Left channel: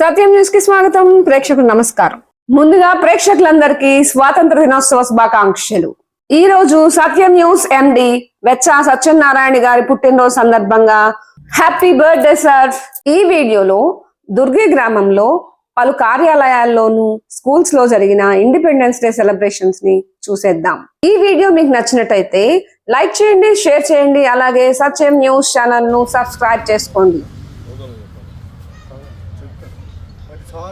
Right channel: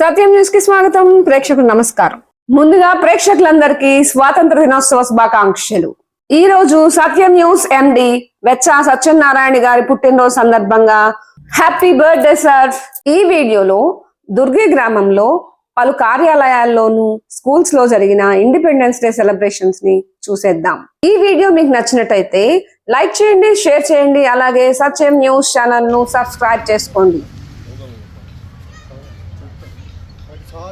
సత్యం న్యూస్కి స్వాగతం. ప్రేక్షకులు నమస్కారం. ముందుగా ప్రేక్షకులందరికీ స్వాతంత్ర దినోత్సవ శుభాకాంక్షలు. ఈ రోజు సత్యం న్యూస్ ఎండి వెచ్చ సత్యనారాయణ గారి పుట్టినరోజు సందర్భంగా హ్యాపీ బర్త్డే సార్. ఈ వీడియోలో దుర్గి గ్రామంలో పలు కార్యాలయాల్లోనూ స్కూల్స్లో జరిగిన ఇండిపెండెన్స్ డే సెలబ్రేషన్స్ని చూసేద్దాం. ఈ వీడియో మీకు నచ్చినట్టయితే లైక్ చేయండి షేర్ చేయండి అలాగే సత్యం న్యూస్ ఛానల్ను సబ్స్క్రైబ్ చేసుకోండి.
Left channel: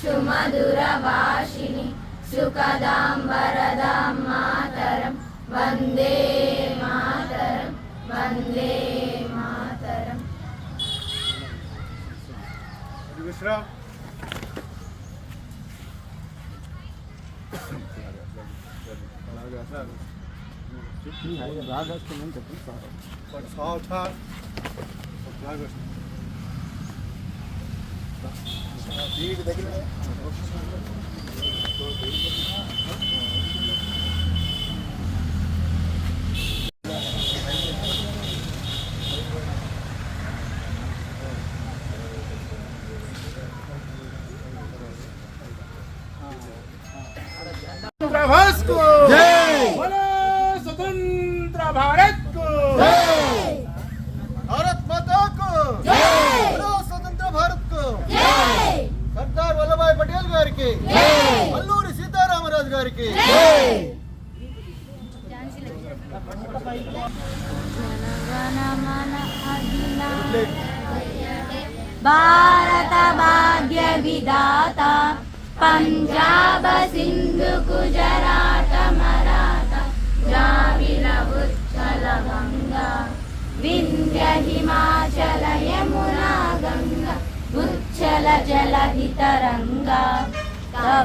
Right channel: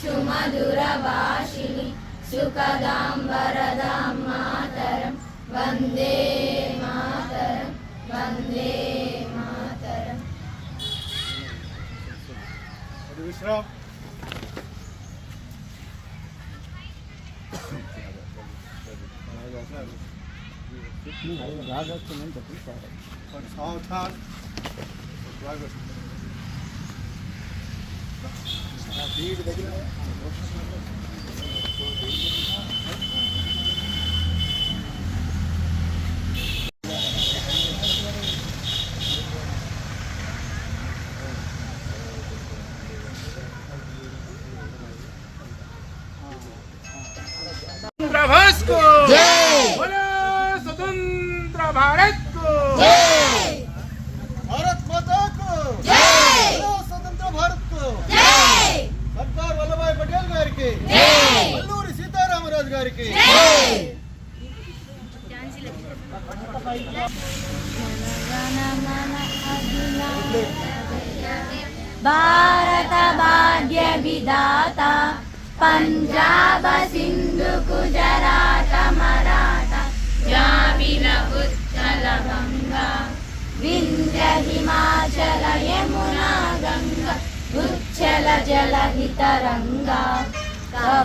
స్టార్ట్ అది విశ్రామ్ సావధాన్ వీటి దగ్గర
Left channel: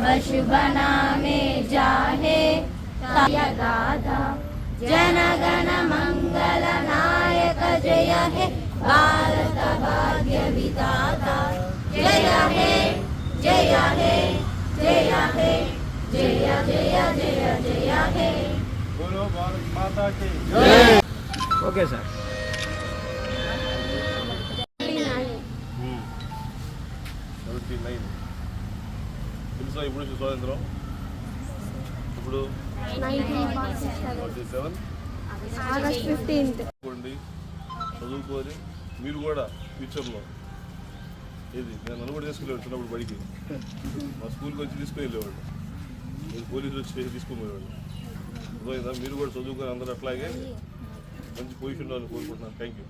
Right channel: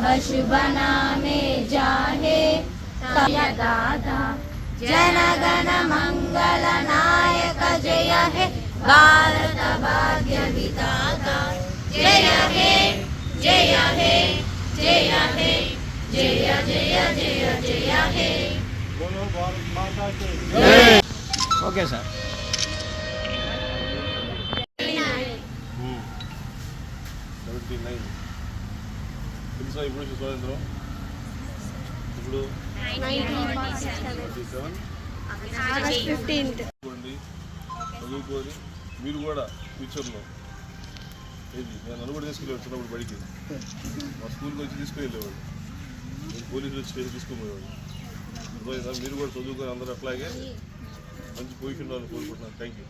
वश बना में जाहे दादा जन गण मंगल नायक जय हे। भारत भाग्य विदाता जय हे जय हे जय हे जय जय जय जय हे। ओके सर सेवेंटी సో ఇప్పుడు స్వాతంత్రం. ఇప్పుడు ఫార్టీ చదువుకొని మీరు కూడా ఫ్యూచర్లో ఏది? నేను నన్ను కూడా తీసుకెళ్ళేవాడు చిన్నప్పుడు బడికి. మా స్కూల్కి వచ్చి తీసుకువెళ్ళేవాడు మీరు పోలీసులు వచ్చి తీసుకుపోయేవాడు. అర్థమైందా? మీరు కూడా చదువుకొని అందరూ అట్లాగే మంచి పొజిషన్లో కోరుకుంటున్నాను. Thank you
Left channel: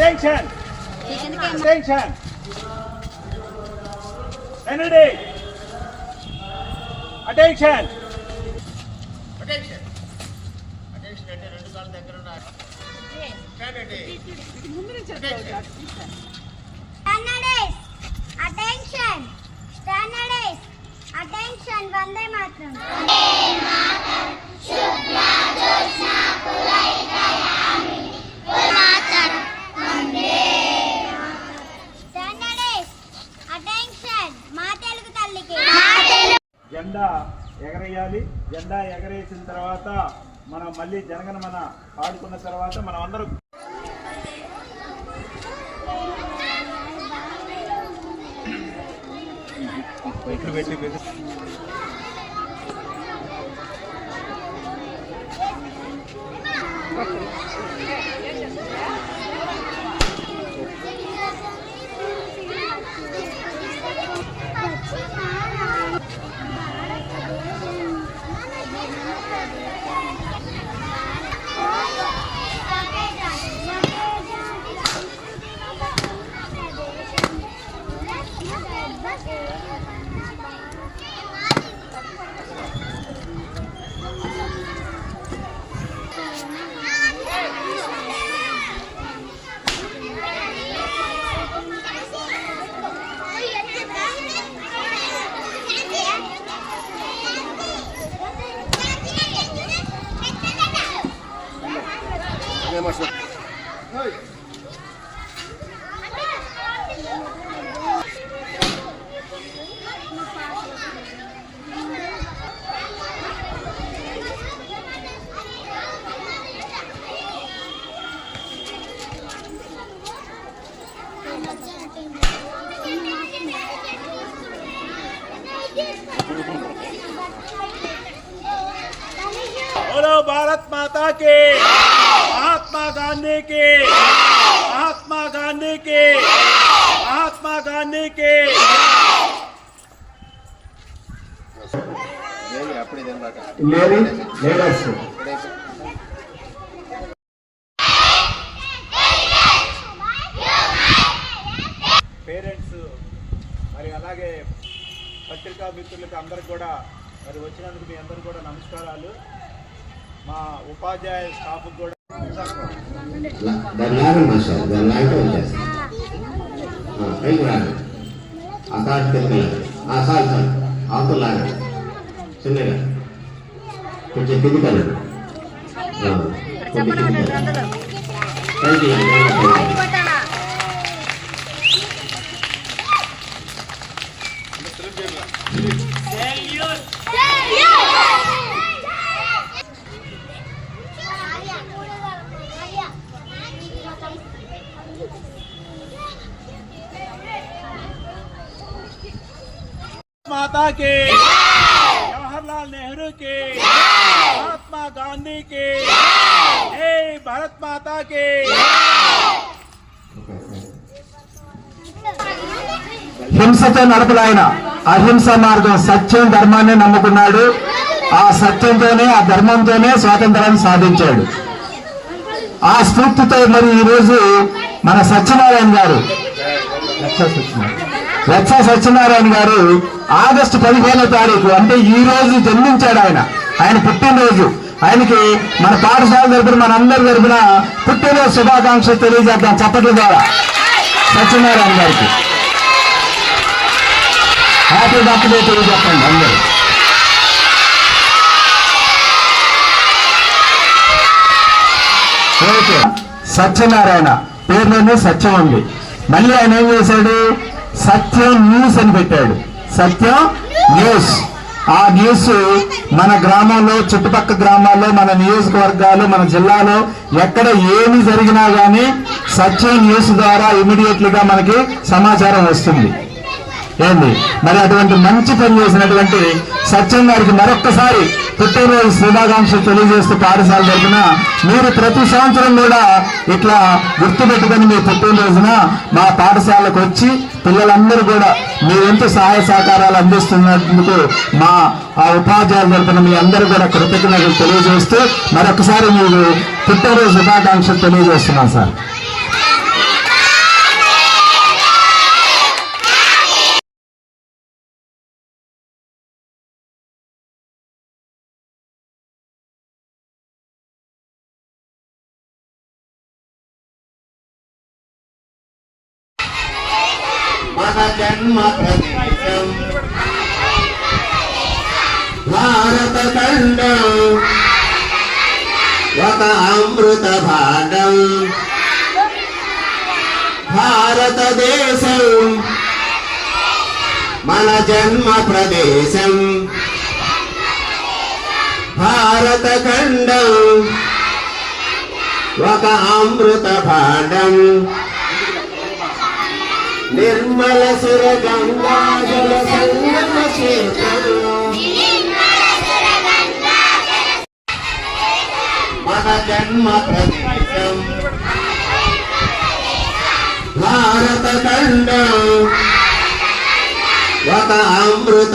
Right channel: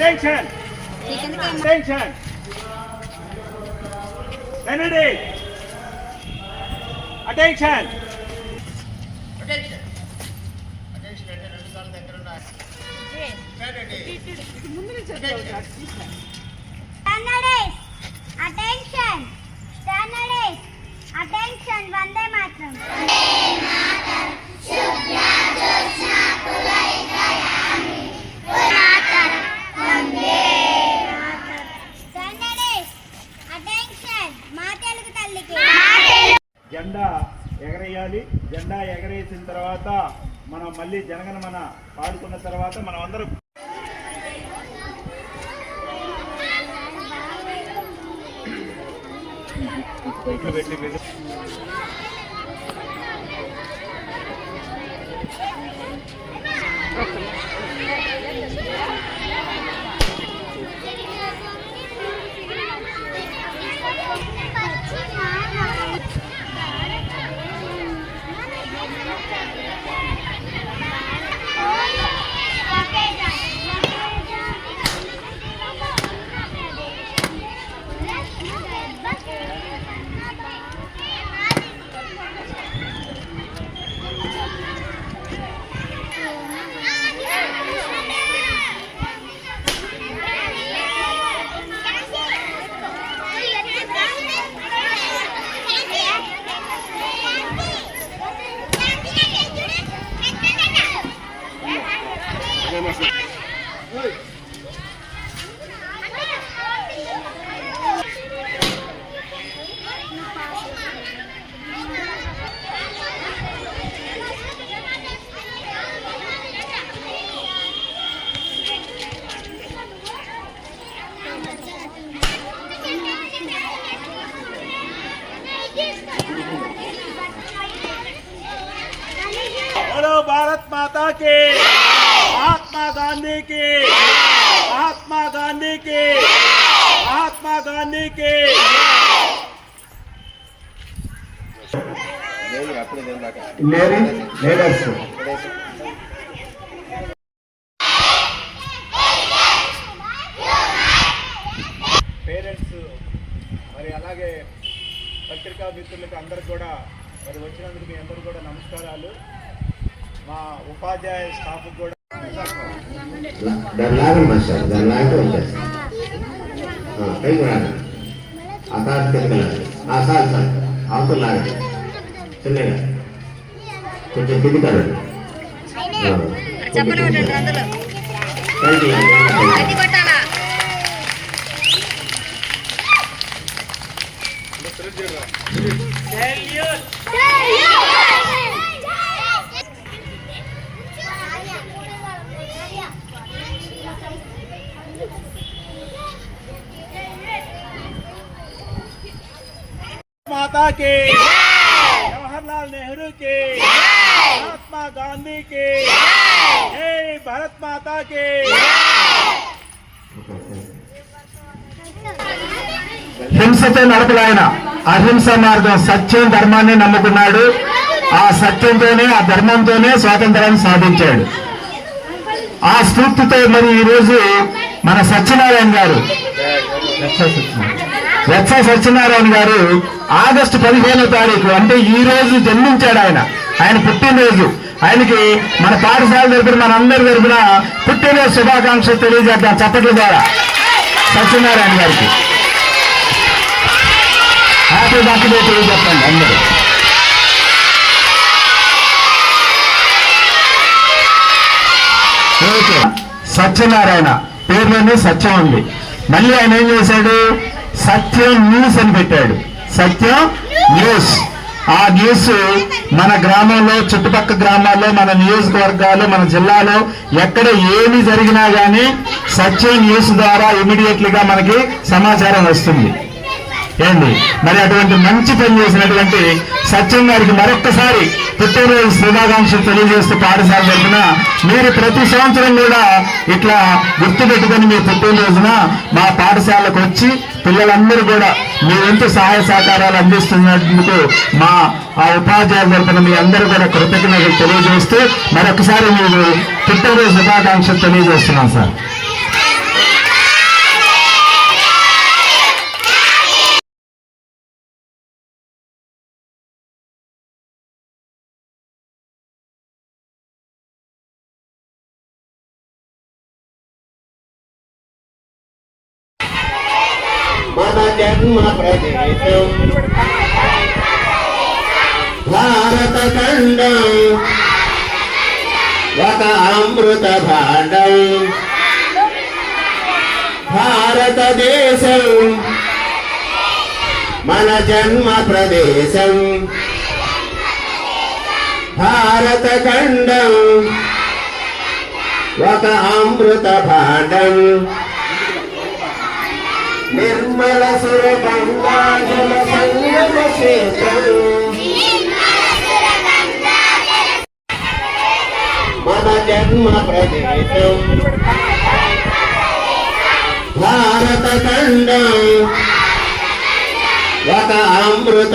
Attention! Attention! Kennedy! Attention! Standardize. Attention. Standardize. Attention. Vande Mataram. Standardize. ఎగరేసిన తర్వాత మనం మళ్ళీ జనగణమన పాడుకున్న తర్వాత మనం అందరం పెట్టి के महात्मा गांधी के महात्मा गांधी के महात्मा गांधी के లేని లీడర్స్ పేరెంట్స్ మరి అలాగే పత్రికా మిత్రులకి అందరికి కూడా మరి వచ్చినందుకు మీ అందరికి కూడా నమస్కారాలు మా ఉపాధ్యాయ స్టాఫ్ కూడా దాని లాగండి సార్. माता के जवाहरलाल नेहरू के महात्मा गांधी के हे भारत माता के హింసతో నడపలాయన అహింస మార్గం సత్యం ధర్మాన్ని నమ్ముకున్నాడు ఆ సత్యంతోనే ఆ ధర్మంతోనే స్వాతంత్రాన్ని సాధించాడు ఆ స్ఫూర్తితో మరి ఈ రోజు మన సత్యనారాయణ గారు వత్స సత్యనారాయణ గారు ఆగస్టు పదిహేనో తారీఖు అంటే ఈ రోజు జన్మించాడు ఆయన. ఆయన పుట్టినరోజు. ఆయనకి మన పాఠశాల తరపున మన అందరి తరపున పుట్టినరోజు శుభాకాంక్షలు తెలియజేద్దాం చక్కటి ద్వారా. సత్యనారాయణ గారికి. హ్యాపీ బర్త్డే తెలియజేస్తాం అందరూ. ఓకే సత్యనారాయణ. పేరులోనే సత్యం ఉంది. మళ్ళీ ఆయన ఏం చేశాడు? సత్యం న్యూస్ అని పెట్టాడు. సత్యం న్యూస్ ఆ న్యూస్ మన గ్రామంలో చుట్టుపక్క గ్రామాల్లో మన నియోజకవర్గాలు మన జిల్లాలో ఎక్కడ ఏమి జరిగినా కానీ సత్యం న్యూస్ ద్వారా ఇమీడియట్లీగా మనకి సమాచారం వస్తుంది. ఏంది? మరి అటువంటి మంచి పని చేసినటువంటి సత్యం గారికి మరొక్కసారి పుట్టినరోజు శుభాకాంక్షలు తెలియజేస్తూ పాఠశాల జరిపిన మీరు ప్రతి సంవత్సరం కూడా ఇట్లా గుర్తుపెట్టుకొని మీ పుట్టినరోజున మా పాఠశాలకు వచ్చి పిల్లలందరూ కూడా మీ వంతు సహాయ సహకారాలు అందిస్తున్నందుకు మా ఆ ఉపాధ్యాయుల తరఫున మీ అందరూ కూడా కృతజ్ఞతలు తెలియజేస్తూ మరొకసారి మీరు పుట్టినరోజు శుభాకాంక్షలు తెలియజేస్తున్నాం సార్. ఖండం ఒక అమృత భాండం భారతదేశం. మన జన్మ ప్రదేశం. భారత ఖండం ఒక అమృత భాండం నిర్మల సుర గంగా జల సంగమ క్షేత్రం జన్మ ప్రదేశం. భారత ఖండం. ఒక అమృత